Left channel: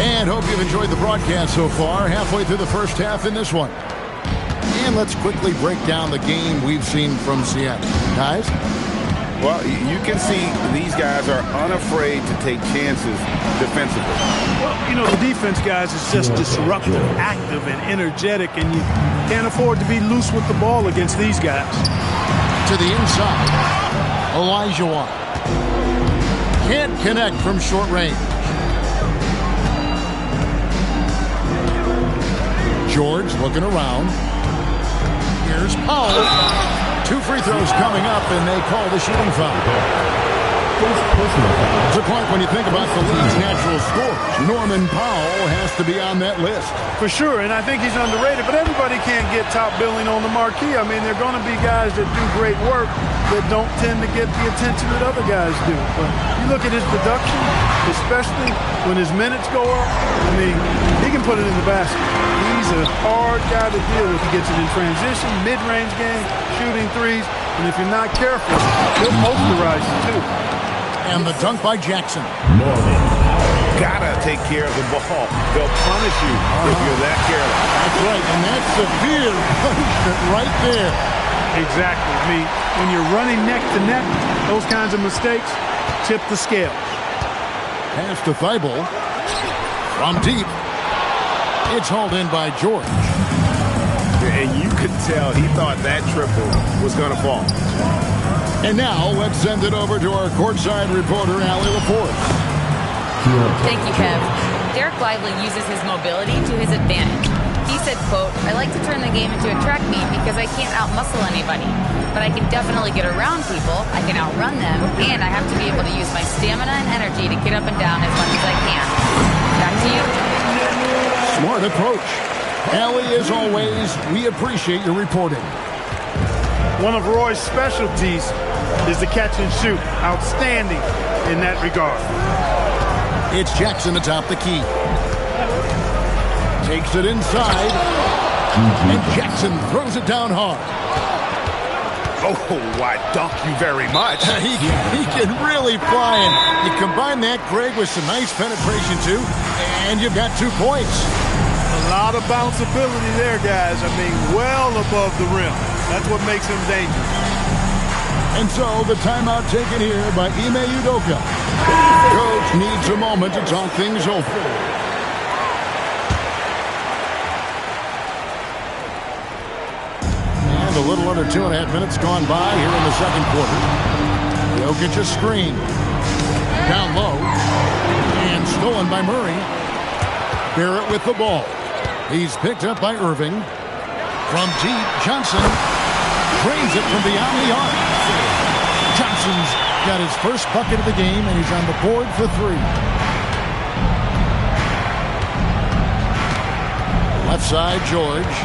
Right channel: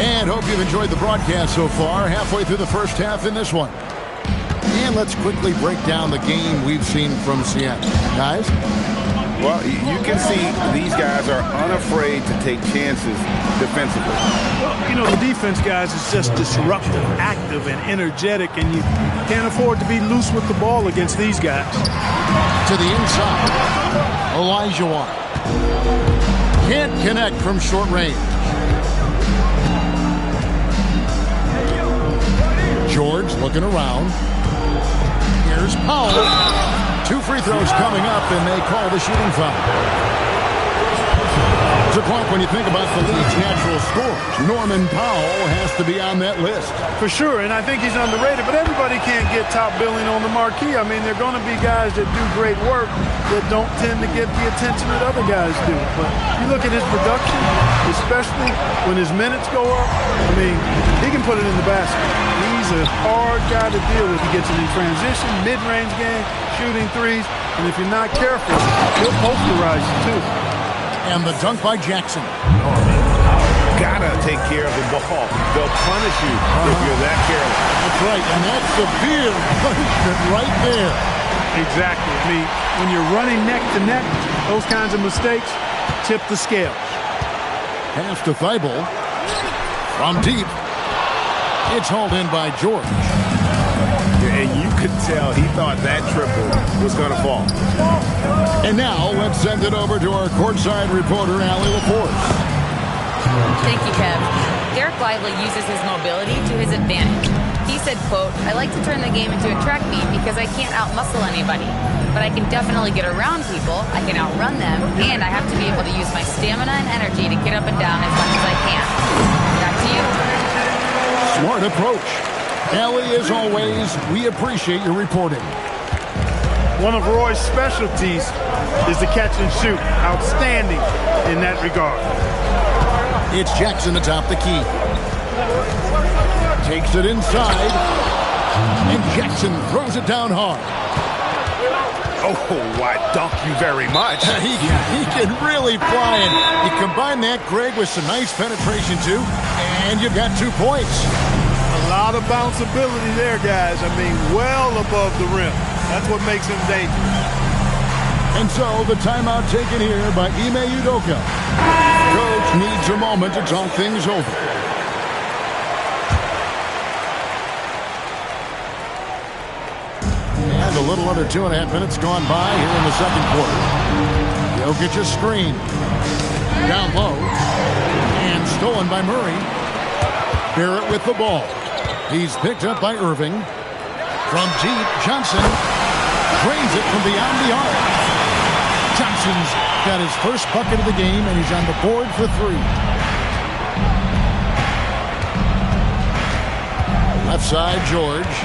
And hope you've enjoyed the broadcast so far. Halfway through the first half in this one. And let's quickly break down the game we've seen from Seattle. Guys? Well, you can see these guys are unafraid to take chances defensively. Well, you know, the defense, guys, is just disruptive, active, and energetic, and you can't afford to be loose with the ball against these guys. To the inside. Elijah Watt. Can't connect from short range. George looking around. Here's Powell. 2 free throws coming up, and they call the shooting foul. So, Clark, when you think about the league's natural scores, Norman Powell has to be on that list. For sure, and I think he's underrated, but everybody can't get top billing on the marquee. I mean, there are going to be guys that do great work that don't tend to get the attention that other guys do. But you look at his production, especially when his minutes go up, I mean, he can put it in the basket. He's a hard guy to deal with. He gets it in transition, mid-range game, shooting threes, and if you're not careful, he'll posterize you too. And the dunk by Jackson. Gotta take care of the ball. They'll punish you if you're that careless. That's right, and that's severe punishment right there. Exactly. I mean, when you're running neck to neck, those kinds of mistakes tip the scales. Pass to Thibault. From deep. It's hauled in by George. And you could tell he thought that triple was going to fall. And now let's send it over to our courtside reporter, Allie LaForce. Thank you, Kev. Derek Lively uses his mobility to his advantage. He said, quote, "I like to turn the game into a track meet because I can't outmuscle anybody. But I can definitely get around people, I can outrun them, and I have to be able to use my stamina and energy to get up and down as much as I can." Back to you. Smart approach. Allie, as always, we appreciate your reporting. One of Roy's specialties is the catch and shoot. Outstanding in that regard. It's Jackson atop the key. Takes it inside. And Jackson throws it down hard. Oh, I dunk you very much. He can really fly. And you combine that, Greg, with some nice penetration, too, and you've got 2 points. A lot of bounceability there, guys. I mean, well above the rim. That's what makes him dangerous. And so the timeout taken here by Ime Udoka. Coach needs a moment to talk things over. And a little under 2.5 minutes gone by here in the second quarter. Jokic a screen. Down low. And stolen by Murray. Barrett with the ball. He's picked up by Irving. From deep, Johnson drains it from beyond the arc. Johnson's got his first bucket of the game, and he's on the board for 3. Left side, George.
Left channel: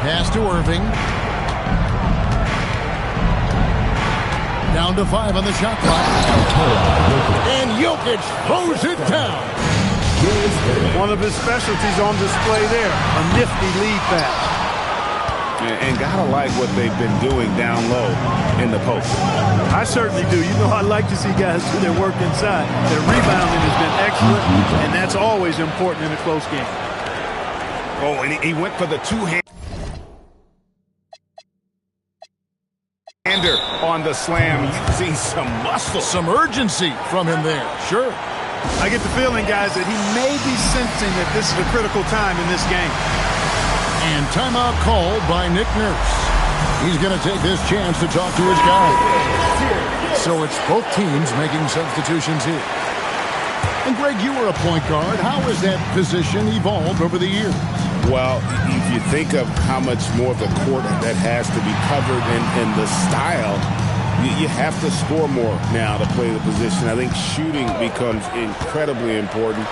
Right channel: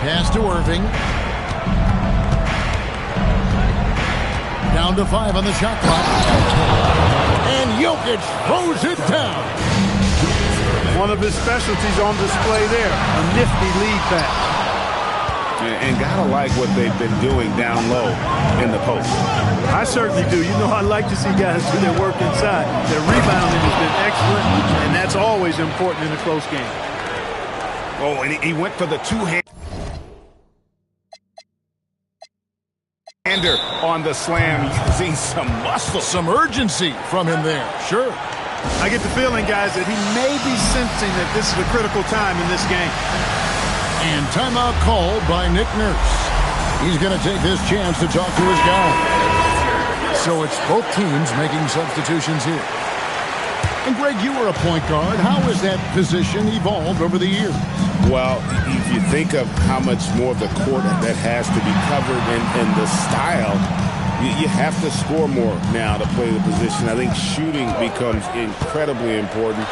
Pass to Irving. Down to 5 on the shot clock. And Jokic throws it down. One of his specialties on display there. A nifty lead pass. And gotta like what they've been doing down low in the post. I certainly do. You know, I like to see guys do their work inside. Their rebounding has been excellent, and that's always important in a close game. Oh, and he went for the two-hander on the slam, using some muscle. Some urgency from him there, sure. I get the feeling, guys, that he may be sensing that this is a critical time in this game. And timeout called by Nick Nurse. He's going to take this chance to talk to his guy. So it's both teams making substitutions here. And Greg, you were a point guard. How has that position evolved over the years? Well, if you think of how much more of the court that has to be covered and the style, you have to score more now to play the position. I think shooting becomes incredibly important.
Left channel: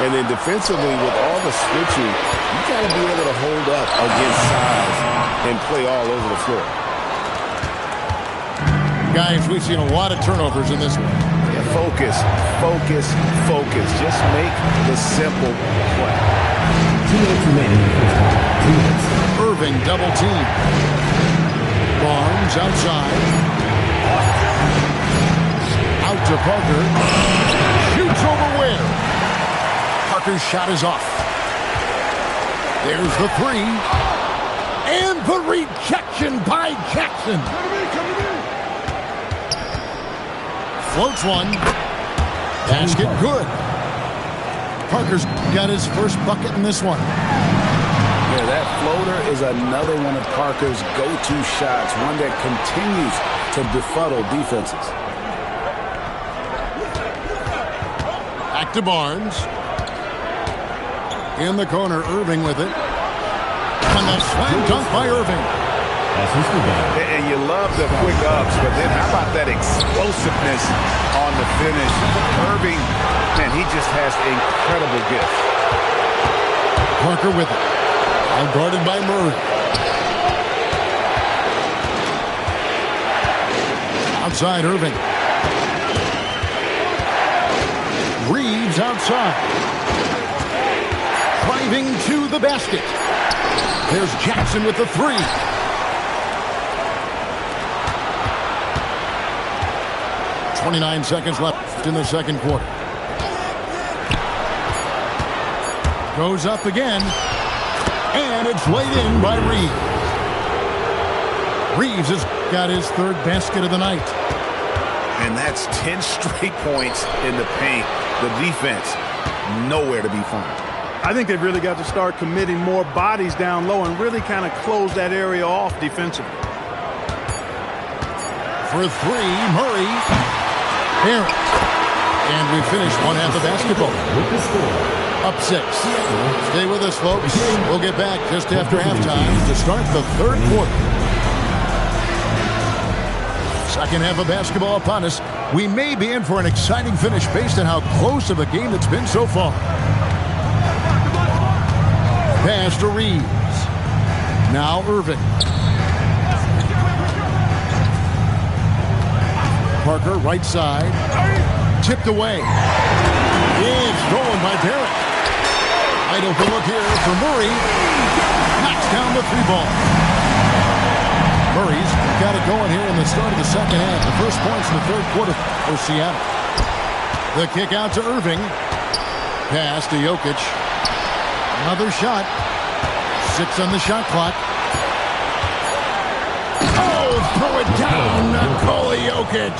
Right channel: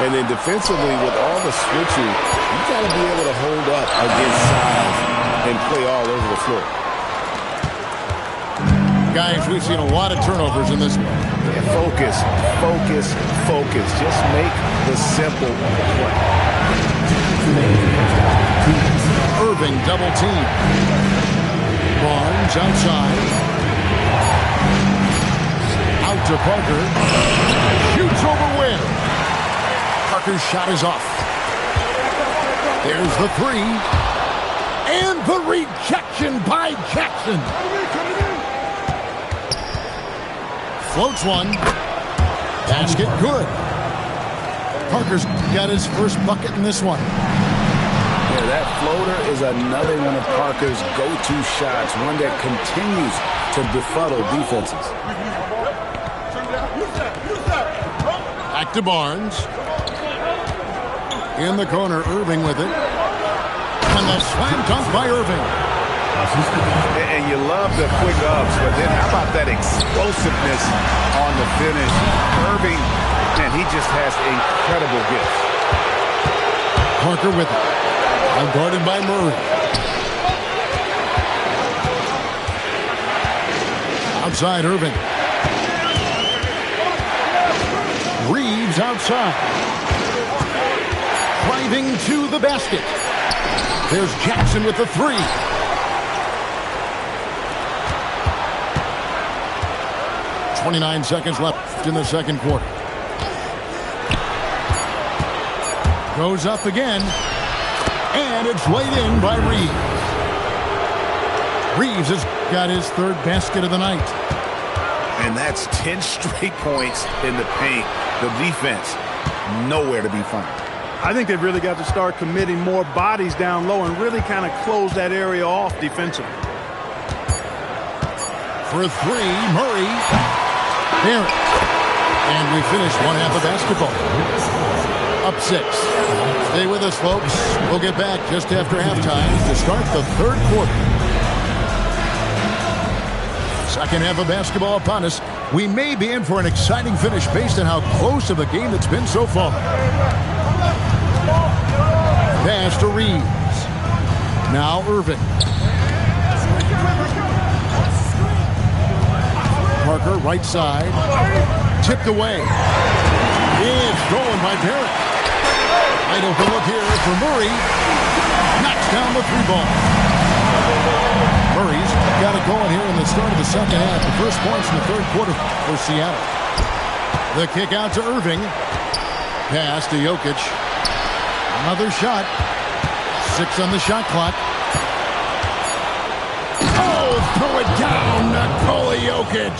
And then defensively, with all the switching, you got to be able to hold up against size and play all over the floor. Guys, we've seen a lot of turnovers in this one. Yeah, focus, focus, focus. Just make the simple play. Irving double team. Barnes outside. Out to Parker. Shoots Fires over Ware. Parker's shot is off. There's the three. And the rejection by Jackson. Floats one. Basket good. Parker's got his first bucket in this one. Yeah, that floater is another one of Parker's go-to shots, one that continues to befuddle defenses. Back to Barnes. In the corner, Irving with it. And the slam dunk by Irving. And you love the quick ups, but then how about that explosiveness on the finish? Irving, man, he just has incredible gifts. Parker with it. Out guarded by Murray. Outside Irving. Reeves outside. Driving to the basket. There's Jackson with the three. .29 seconds left in the second quarter. Goes up again. And it's laid in by Reeves. Reeves has got his third basket of the night. And that's 10 straight points in the paint. The defense, nowhere to be found. I think they've really got to start committing more bodies down low and really kind of close that area off defensively. For three, Murray. Barrett. And we finish one half of basketball. Up 6. Stay with us, folks. We'll get back just after halftime to start the third quarter. Second half of basketball upon us. We may be in for an exciting finish based on how close of a game it's been so far. Pass to Reeves. Now Irving. Parker, right side. Tipped away. It's stolen by Barrett. Wide open look here for Murray. Knocks down the three ball. Murray's got it going here in the start of the second half. The first points in the third quarter for Seattle. The kick out to Irving. Pass to Jokic. Another shot. 6 on the shot clock. Oh, throw it down, Nikola Jokic.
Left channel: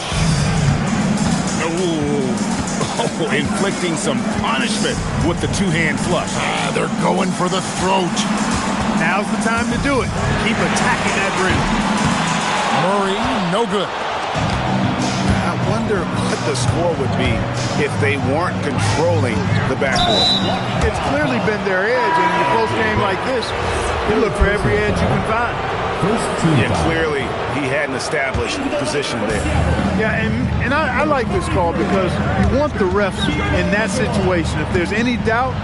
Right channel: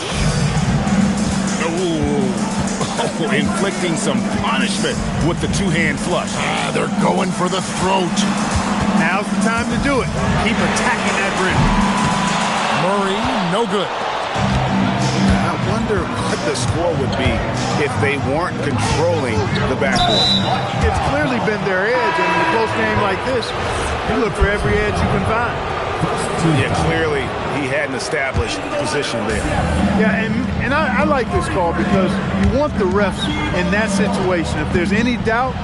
Oh, inflicting some punishment with the two-hand flush. They're going for the throat. Now's the time to do it. Keep attacking that rim. Murray, no good. I wonder what the score would be if they weren't controlling the backcourt. It's clearly been their edge, and in a close game like this, you look for every edge you can find. Yeah, clearly he had an established position there. Yeah, and I like this call because you want the refs in that situation. If there's any doubt,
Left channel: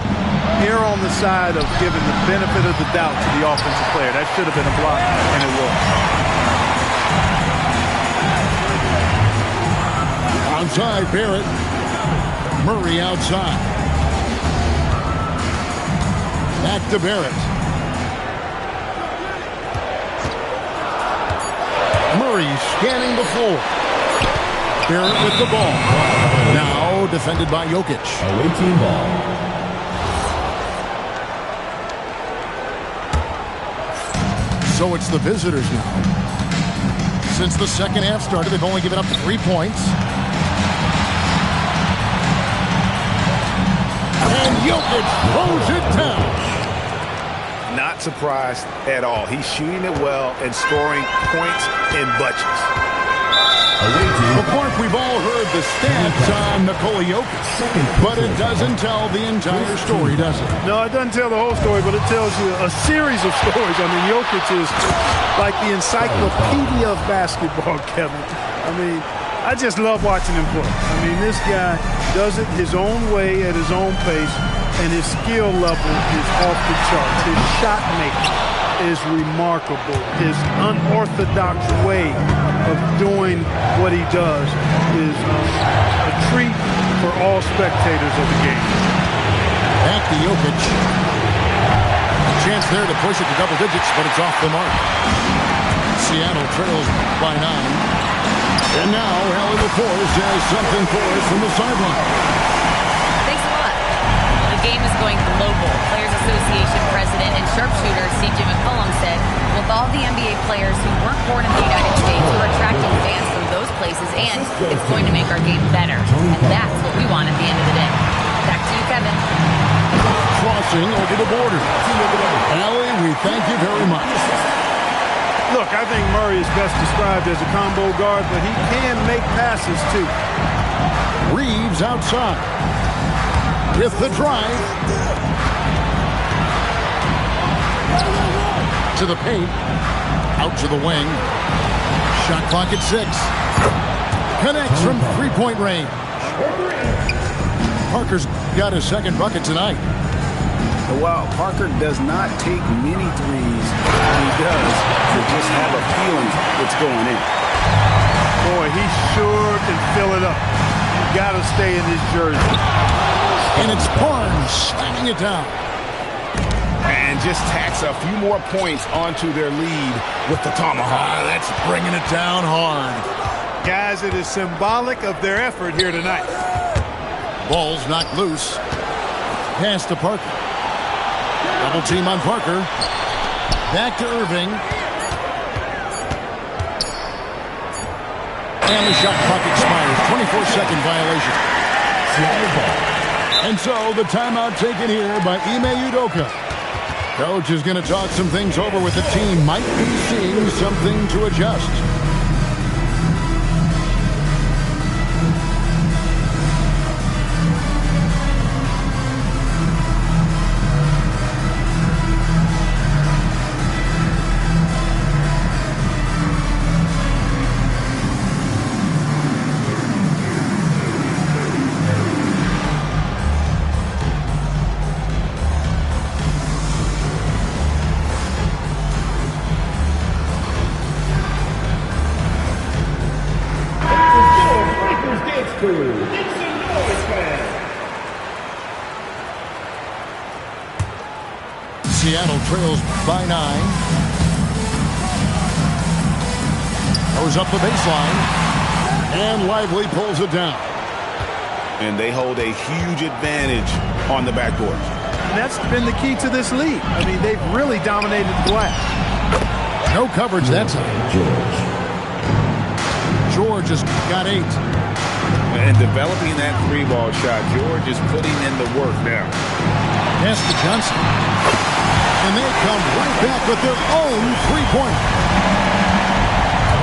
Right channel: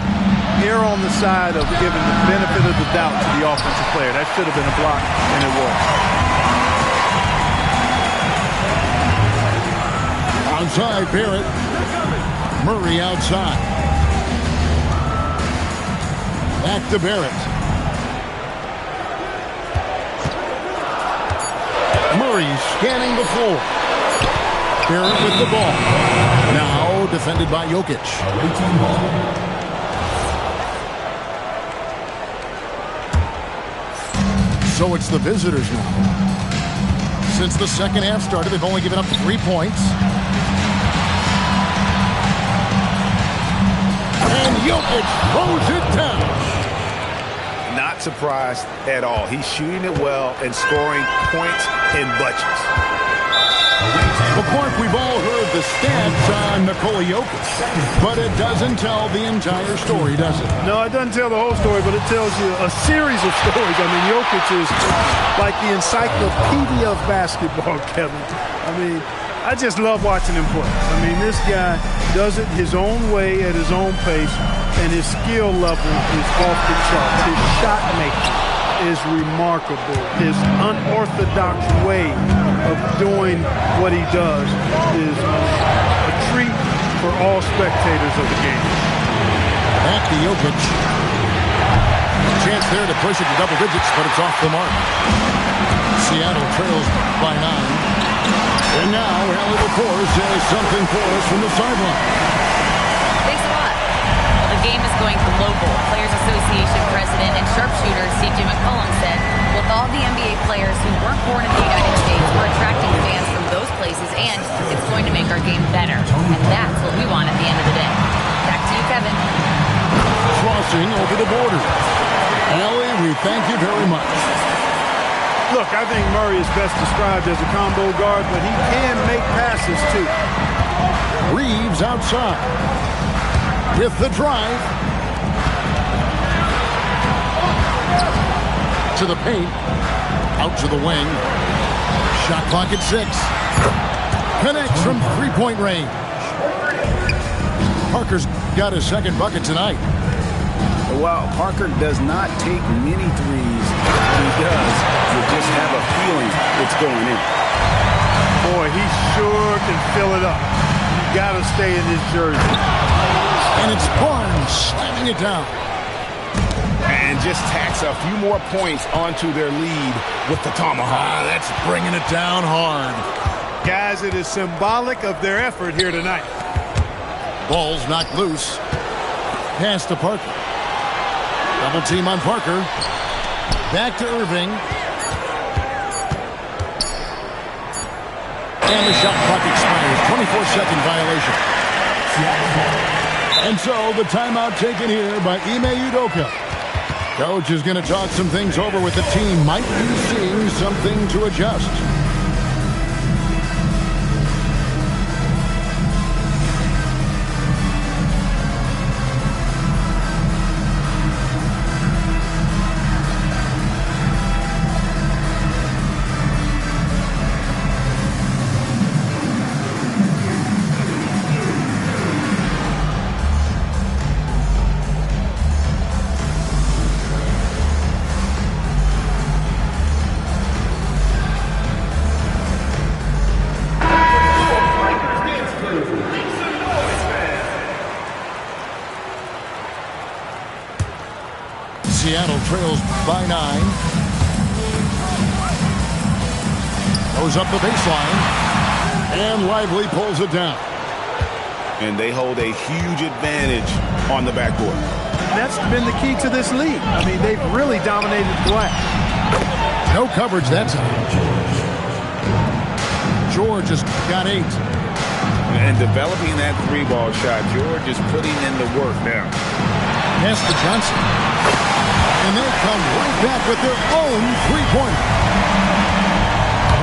err on the side of giving the benefit of the doubt to the offensive player. That should have been a block, and it was. Outside, Barrett. Murray outside. Back to Barrett. Murray scanning the floor. Barrett with the ball. Now defended by Jokic. Away team ball. So it's the visitors now. Since the second half started, they've only given up 3 points. And Jokic throws it down. Not surprised at all. He's shooting it well and scoring points in bunches. Well, Clark, we've all heard the stats on Nikola Jokic, but it doesn't tell the entire story, does it? No, it doesn't tell the whole story, but it tells you a series of stories. I mean, Jokic is like the encyclopedia of basketball, Kevin. I mean, I just love watching him play. I mean, this guy does it his own way at his own pace, and his skill level is off the charts. His shot making is remarkable. His unorthodox way of doing what he does is a treat for all spectators of the game. Back to Jokic. A chance there to push it to double digits, but it's off the mark. Seattle trails by 9. And now Allie LaForce has something for us from the sideline. game is going global. Players Association President and sharpshooter C.J. McCollum said, with all the NBA players who weren't born in the United States, we're attracting fans from those places, and it's going to make our game better. And that's what we want at the end of the day. Back to you, Kevin. Crossing over the border. Allie, we thank you very much. Look, I think Murray is best described as a combo guard, but he can make passes too. Reeves outside with the drive to the paint, out to the wing. Shot clock at 6. Connects from three-point range. Parker's got his second bucket tonight. While Parker does not take many threes, when he does, you just have a feeling it's going in. Boy, he sure can fill it up. You got to stay in his jersey. And it's Barnes slamming it down. And just tacks a few more points onto their lead with the tomahawk. That's bringing it down hard. Guys, it is symbolic of their effort here tonight. Ball's knocked loose. Pass to Parker. Double team on Parker. Back to Irving. And the shot clock expires. 24-second violation. And so the timeout taken here by Ime Udoka. Coach is going to talk some things over with the team. Might be seeing something to adjust. Seattle trails by 9. Goes up the baseline. And Lively pulls it down. And they hold a huge advantage on the backboard. And that's been the key to this league. I mean, they've really dominated the glass. No coverage that time. George has got 8. And developing that 3-ball shot, George is putting in the work now. Pass to Johnson. And they come right back with their own 3-pointer.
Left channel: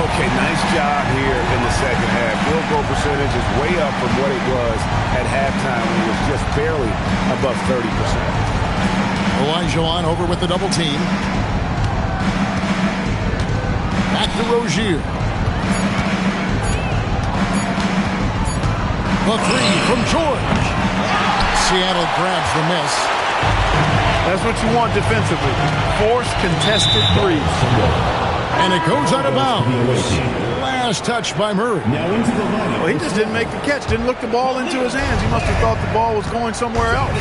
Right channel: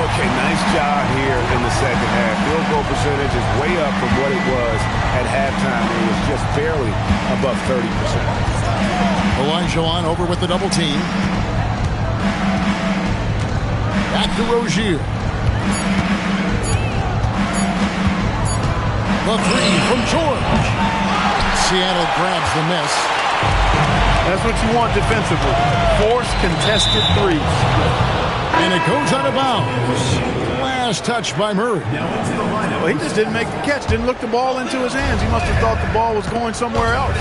Okay, nice job here in the second half. Field goal percentage is way up from what it was at halftime, and it was just barely above 30%. Olajuwon over with the double team. Back to Rozier. The 3 from George. Seattle grabs the miss. That's what you want defensively. Force contested threes. And it goes out of bounds. Last touch by Murray. Well, he just didn't make the catch. Didn't look the ball into his hands. He must have thought the ball was going somewhere else.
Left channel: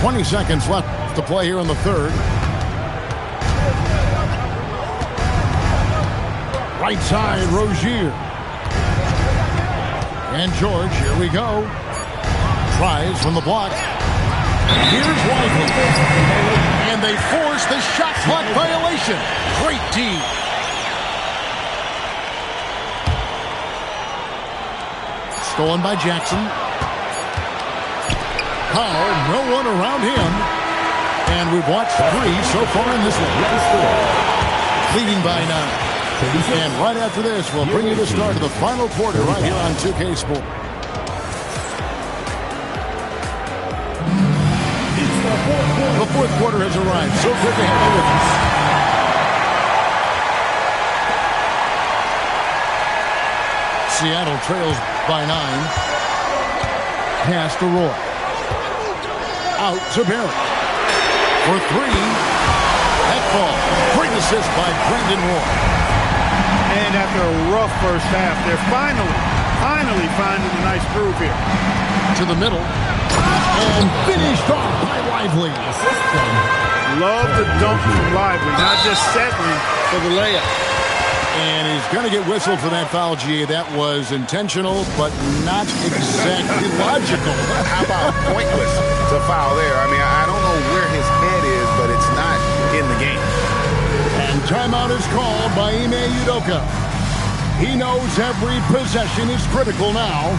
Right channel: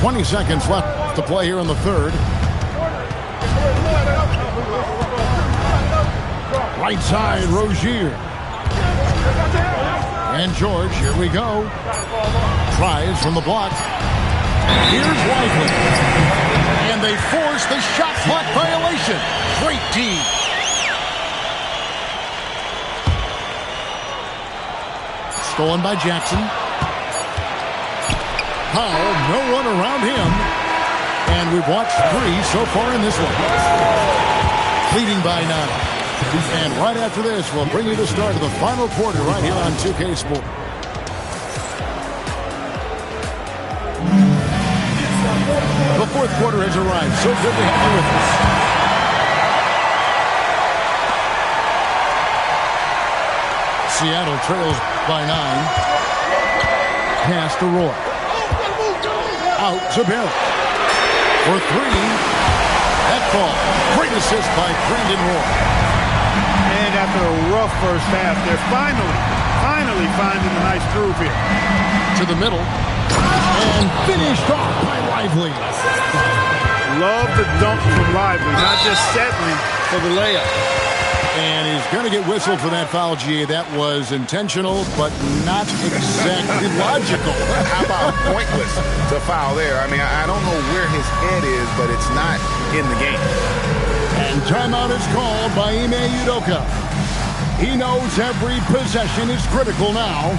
20 seconds left to play here in the third. Right side, Rozier. And George, here we go. Tries from the block. Here's Lively. And they force the shot clock violation. Great D. Stolen by Jackson. Powell, no one around him. And we've watched 3 so far in this one. Leading by 9. And right after this, we'll bring you the start of the final quarter right here on 2K Sport. The fourth quarter has arrived. So good to have you with us. Seattle trails by 9. Pass to Roy. Out to Barrett. For 3. That fall. Great assist by Brandon Roy. And after a rough first half, they're finally finding a nice groove here. To the middle. And finished off by Lively. Love the dunk from Lively, not just settling for the layup. And he's going to get whistled for that foul, G. That was intentional, but not exactly logical. How about pointless to foul there? I mean, I don't know where his head is, but it's not in the game. And timeout is called by Ime Udoka. He knows every possession is critical now.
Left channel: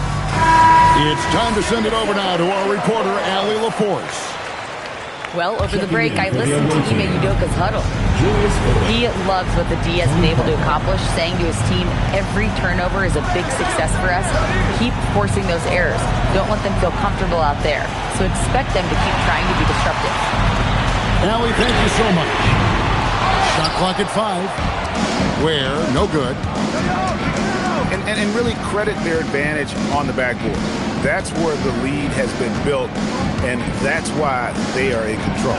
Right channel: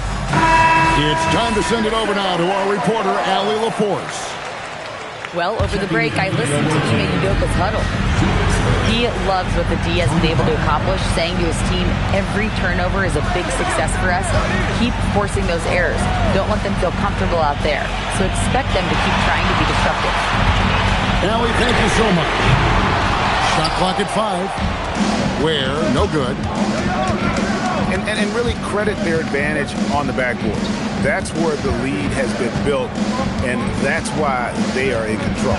It's time to send it over now to our reporter, Allie LaForce. Well, over the break, I listened to Ime Udoka's huddle. He loves what the D has been able to accomplish, saying to his team, every turnover is a big success for us. Keep forcing those errors. Don't let them feel comfortable out there. So expect them to keep trying to be disruptive. Allie, thank you so much. Shot clock at 5. Where? No good. And really credit their advantage on the backboard. That's where the lead has been built, and that's why they are in control.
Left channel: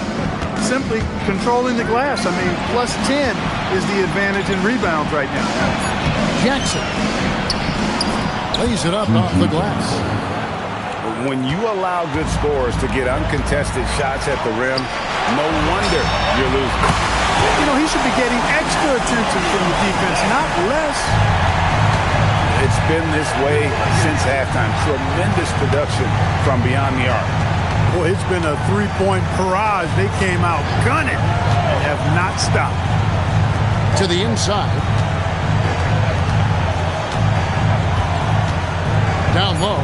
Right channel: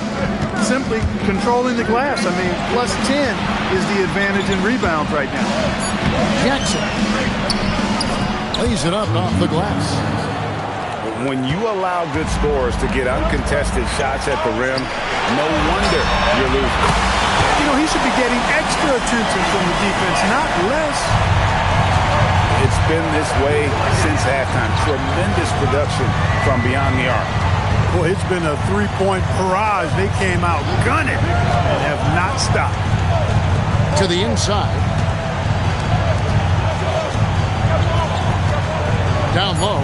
Simply controlling the glass. I mean, plus 10 is the advantage in rebounds right now. Jackson lays it up off the glass. When you allow good scorers to get uncontested shots at the rim, no wonder you're losing. You know, he should be getting extra attention from the defense, not less. It's been this way since halftime. Tremendous production from beyond the arc. Boy, it's been a three-point barrage. They came out gunning and have not stopped. To the inside. Down low.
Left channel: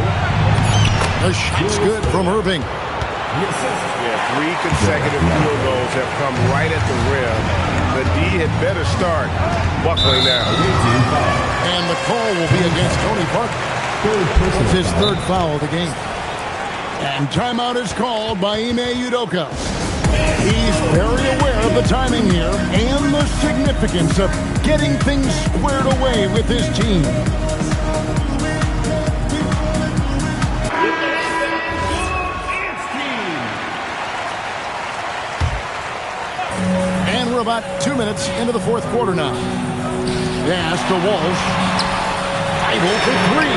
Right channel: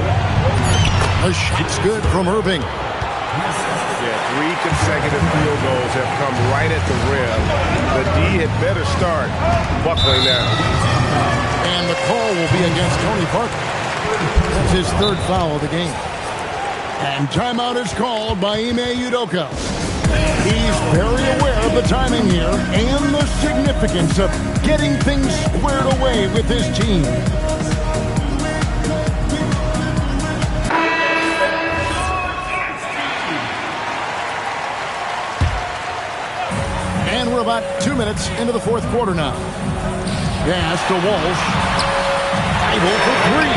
The shot's good from Irving. Yeah, 3 consecutive field goals have come right at the rim. The D had better start buckling down. And the call will be against Tony Parker. That's his 3rd foul of the game. And timeout is called by Ime Udoka. He's very aware of the timing here and the significance of getting things squared away with his team. And we're about 2 minutes into the 4th quarter now. Pass to Walsh. Bible for 3.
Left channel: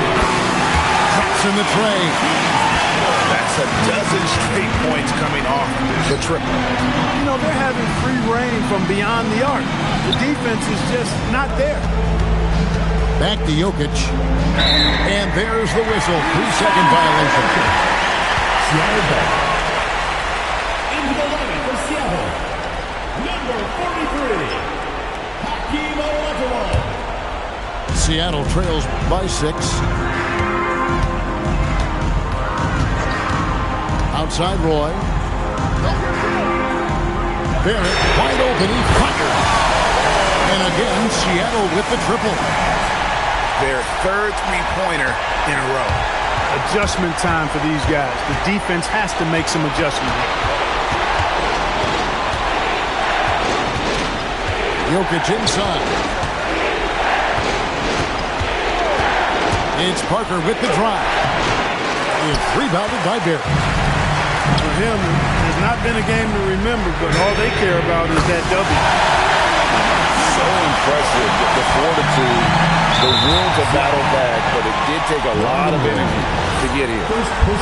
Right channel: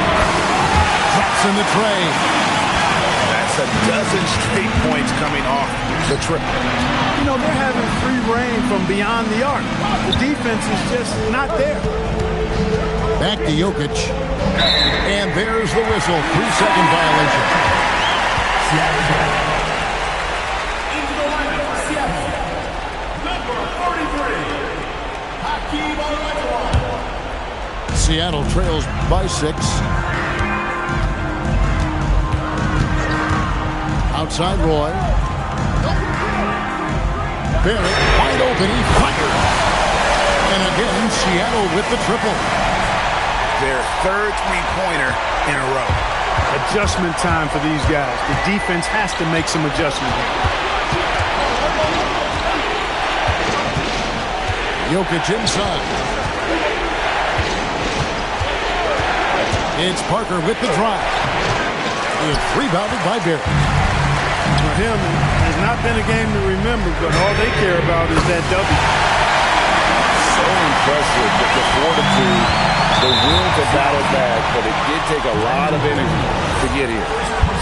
Drops in the tray. That's a dozen straight points coming off the triple. You know, they're having free reign from beyond the arc. The defense is just not there. Back to Jokic. And there's the whistle. 3-second violation. Into the lineup for Seattle, number 43, Hakeem Olajuwon. Seattle trails by 6. Outside Roy. Barrett wide open. He fired. And again, Seattle with the triple. Their 3rd three-pointer in a row. Adjustment time for these guys. The defense has to make some adjustment here. Jokic inside. It's Parker with the drive. It's rebounded by Barrett. For him, it has not been a game to remember, but all they care about is that W. So impressive, the fortitude, the will to battle back, but it did take a lot of energy to get here.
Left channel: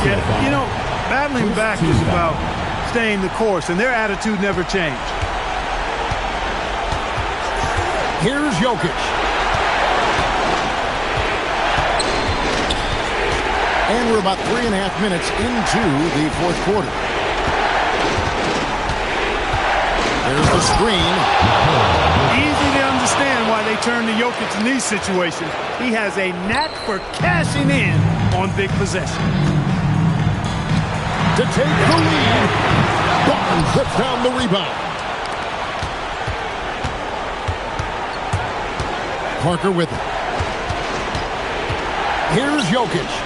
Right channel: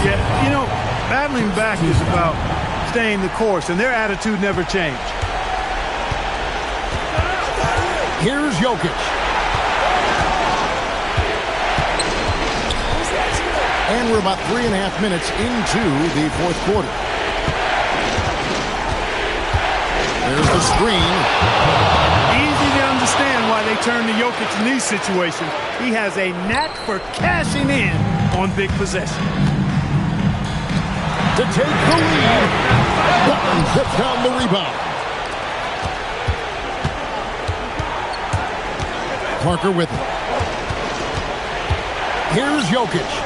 Yeah, you know, battling back is about staying the course, and their attitude never changed. Here's Jokic. And we're about 3.5 minutes into the 4th quarter. There's the screen. Easy to understand why they turn to Jokic in these situations. He has a knack for cashing in on big possessions. To take the lead, Barnes zips down the rebound. Parker with it. Here's Jokic.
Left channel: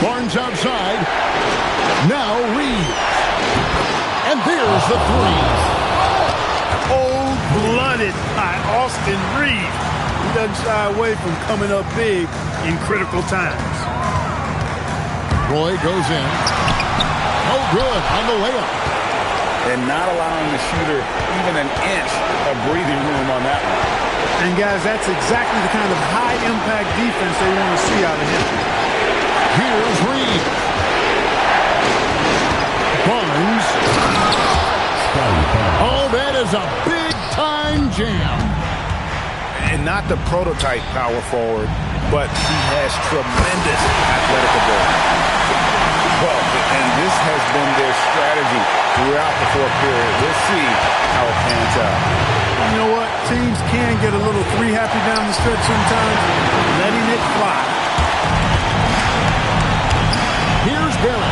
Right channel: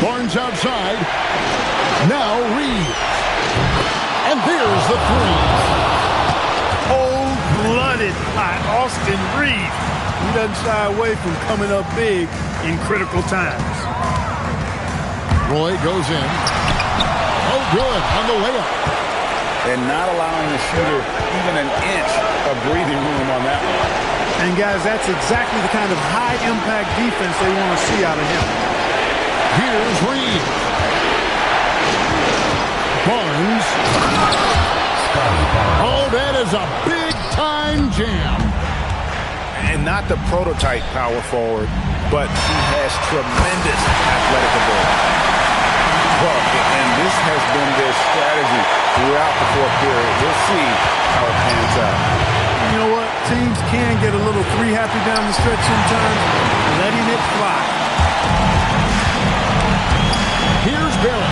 Barnes outside. Now Reeves. And there's the 3. Cold-blooded by Austin Reeves. He doesn't shy away from coming up big in critical times. Roy goes in. Oh, good on the layup. And not allowing the shooter even an inch of breathing room on that one. And, guys, that's exactly the kind of high-impact defense they want to see out of him. Here's Reed. Barnes. Oh, that is a big-time jam. And not the prototype power forward, but he has tremendous athletic ability. Well, and this has been their strategy throughout the fourth period. We'll see how it pans out. You know what? Teams can get a little three-happy down the stretch sometimes, letting it fly. Here's Barrett.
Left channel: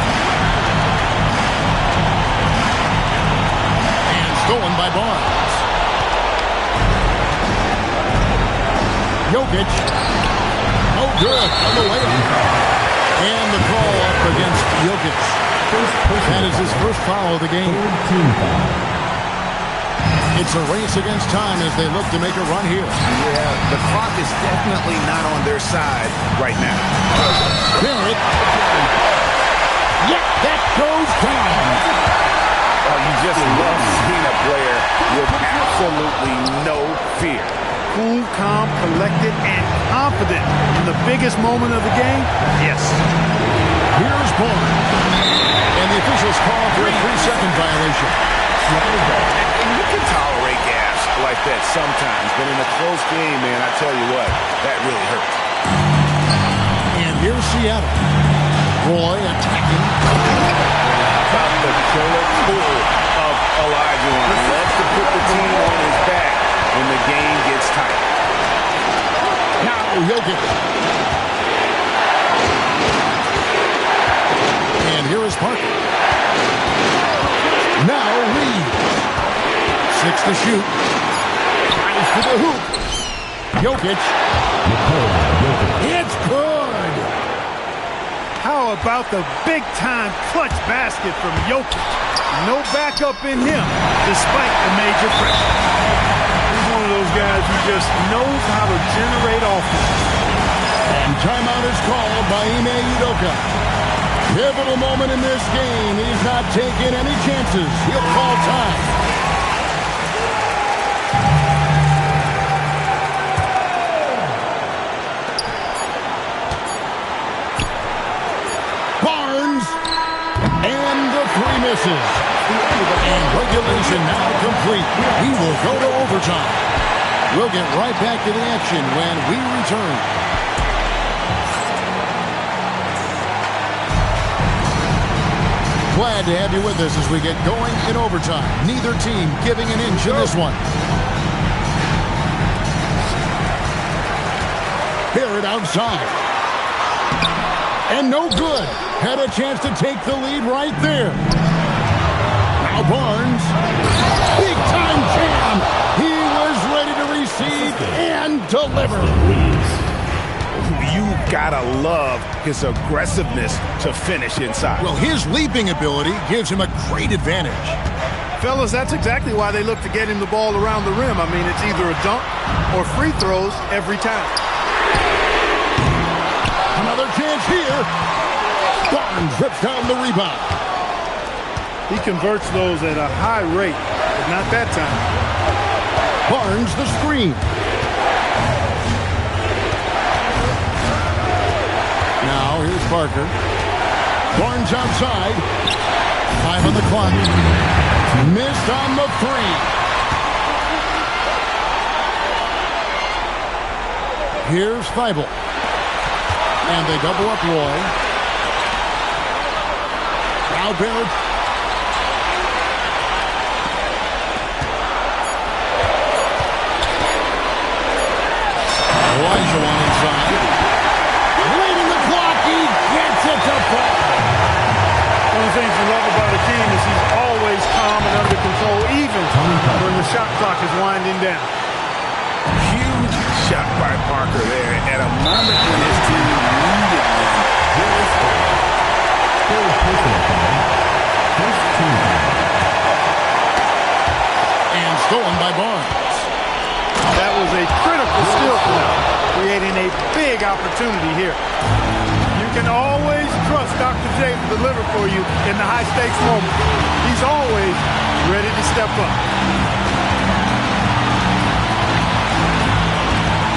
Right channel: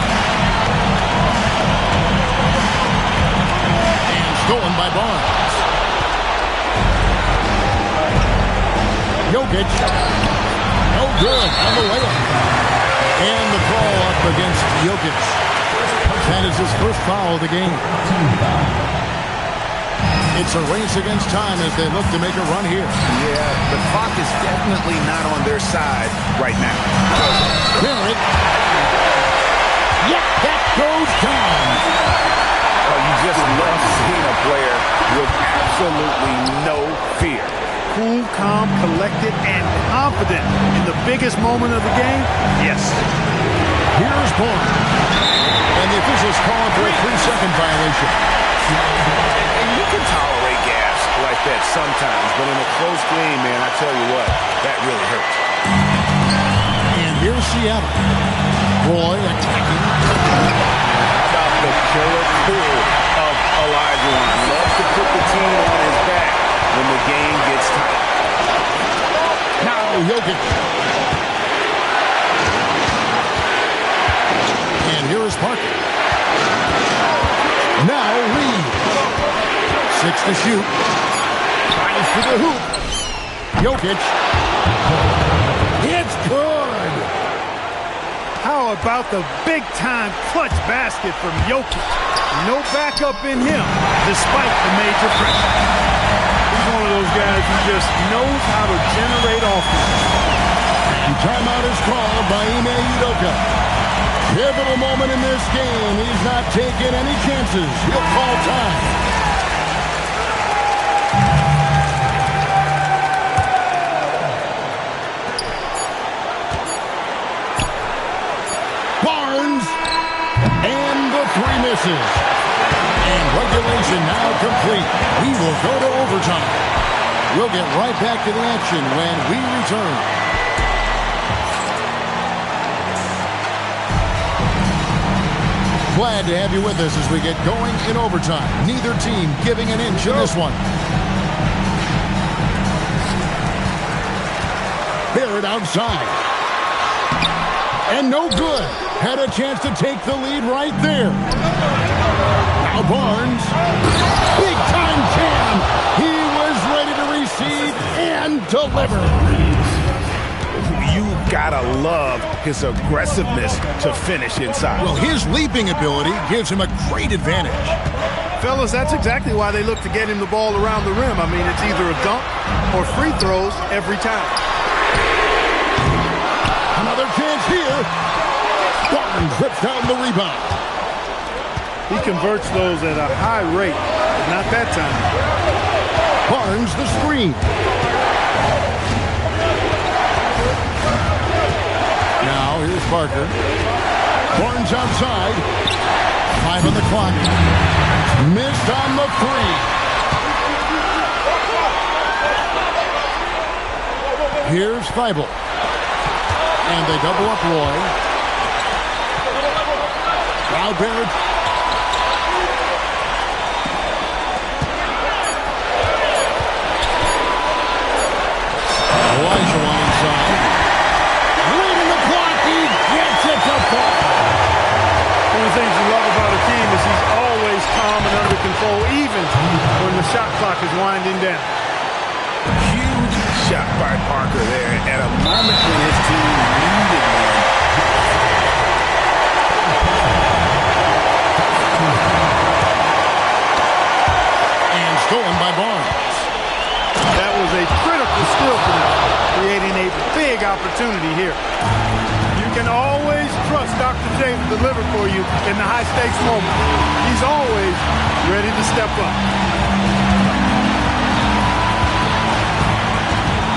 And stolen by Barnes. Jokic. No good on the layup. And the call up against Jokic. That is his first foul of the game. It's a race against time as they look to make a run here. Yeah, the clock is definitely not on their side right now. Barrett. Yep, that goes down. Oh, you just love seeing a player with absolutely no fear. Cool, calm, collected, and confident in the biggest moment of the game? Yes. Here's Barnes. And the officials call for a 3-second violation. And you can tolerate gas like that sometimes, but in a close game, man, I tell you what, that really hurts. And here's Seattle. Roy attacking. How about the killer tool of Olajuwon? Loves to put the team on his back when the game gets tight. Now Jokic. And here is Parker. Now Reeves. 6 to shoot. Tries for the hoop. Jokic. It's good. How about the big-time clutch basket from Jokic? No backup in him, despite the major pressure. He's one of those guys who just knows how to generate offense. And timeout is called by Ime Udoka. Pivotal moment in this game. He's not taking any chances. He'll call time. Barnes. And the three misses. And regulation now complete. We will go to overtime. We'll get right back to the action when we return. Glad to have you with us as we get going in overtime. Neither team giving an inch in this one. Barrett outside. And no good. Had a chance to take the lead right there. Now Barnes. Big time jam. He was ready to receive and deliver. You gotta love his aggressiveness to finish inside. Well, his leaping ability gives him a great advantage. Fellas, that's exactly why they look to get him the ball around the rim. I mean, it's either a dunk or free throws every time. Another chance here. Barnes rips down the rebound. He converts those at a high rate, but not that time. Barnes the screen. Now here's Parker. Barnes outside. 5 on the clock. Missed on the 3. Here's Thibault. And they double up Roy. Now Barrett. Olajuwon inside. Late in the clock, he gets it to fall. One of the things you love about Hakeem is he's always calm and under control, even when the shot clock is winding down. Huge shot by Parker there at a moment when his team needed one. And stolen by Barnes. That was a critical steal for them, creating a big opportunity here. You can always trust Dr. J to deliver for you in the high-stakes moment. He's always ready to step up.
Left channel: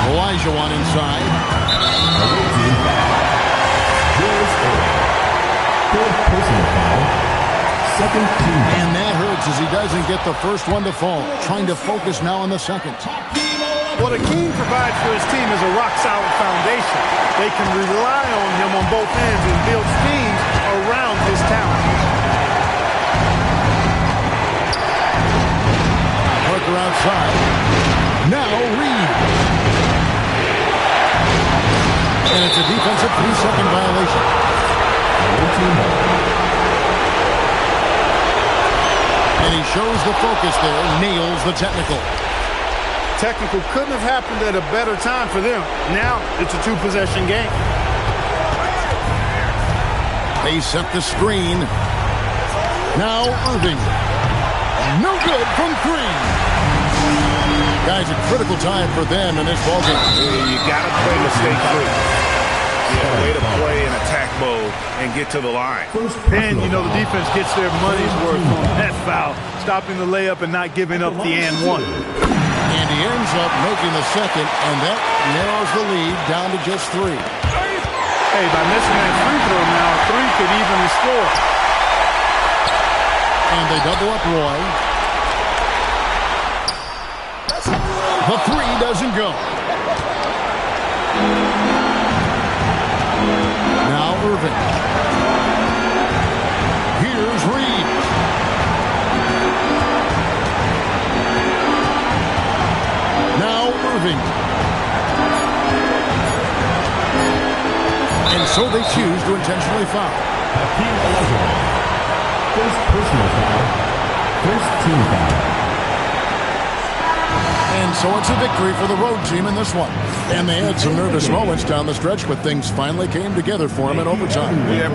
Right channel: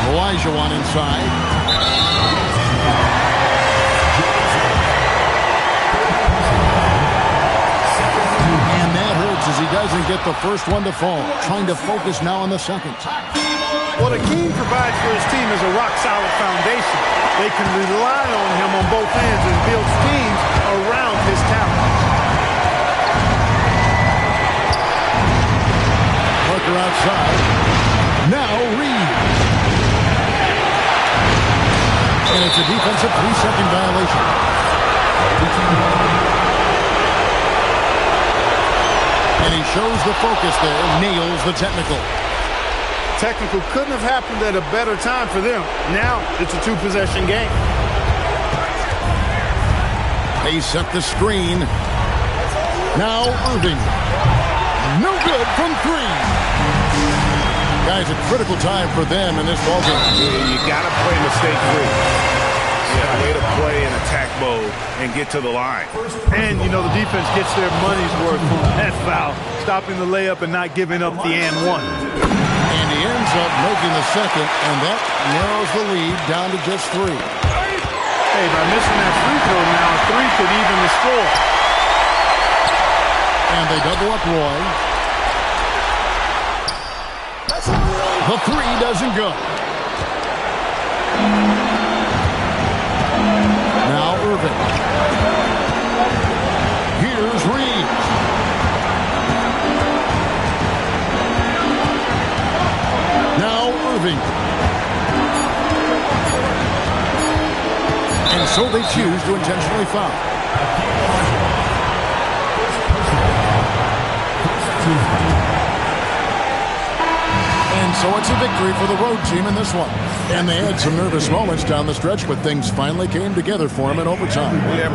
Olajuwon inside. And that hurts as he doesn't get the first one to fall. Trying to focus now on the second. What What Hakeem provides for his team is a rock-solid foundation. They can rely on him on both ends and build schemes around his talent. Parker outside. Now Reeves. And it's a defensive 3-second violation. And he shows the focus there, nails the technical. Technical couldn't have happened at a better time for them. Now it's a 2-possession game. They set the screen. Now Irving. No good from 3. Guys, a critical time for them in this ballgame. You got to play mistake-free. Yeah, way to play in attack mode and get to the line. And, you know, the defense gets their money's worth on that foul, stopping the layup and not giving up the and one. And he ends up making the second, and that narrows the lead down to just 3. Hey, by missing that free throw now, a 3 could even the score. And they double up Roy. The 3 doesn't go. Now Irving. Here's Reeves. Now Irving. And so they choose to intentionally foul. First personal foul. First team foul. And so it's a victory for the road team in this one. And they had some nervous moments down the stretch, but things finally came together for them in overtime. Yeah.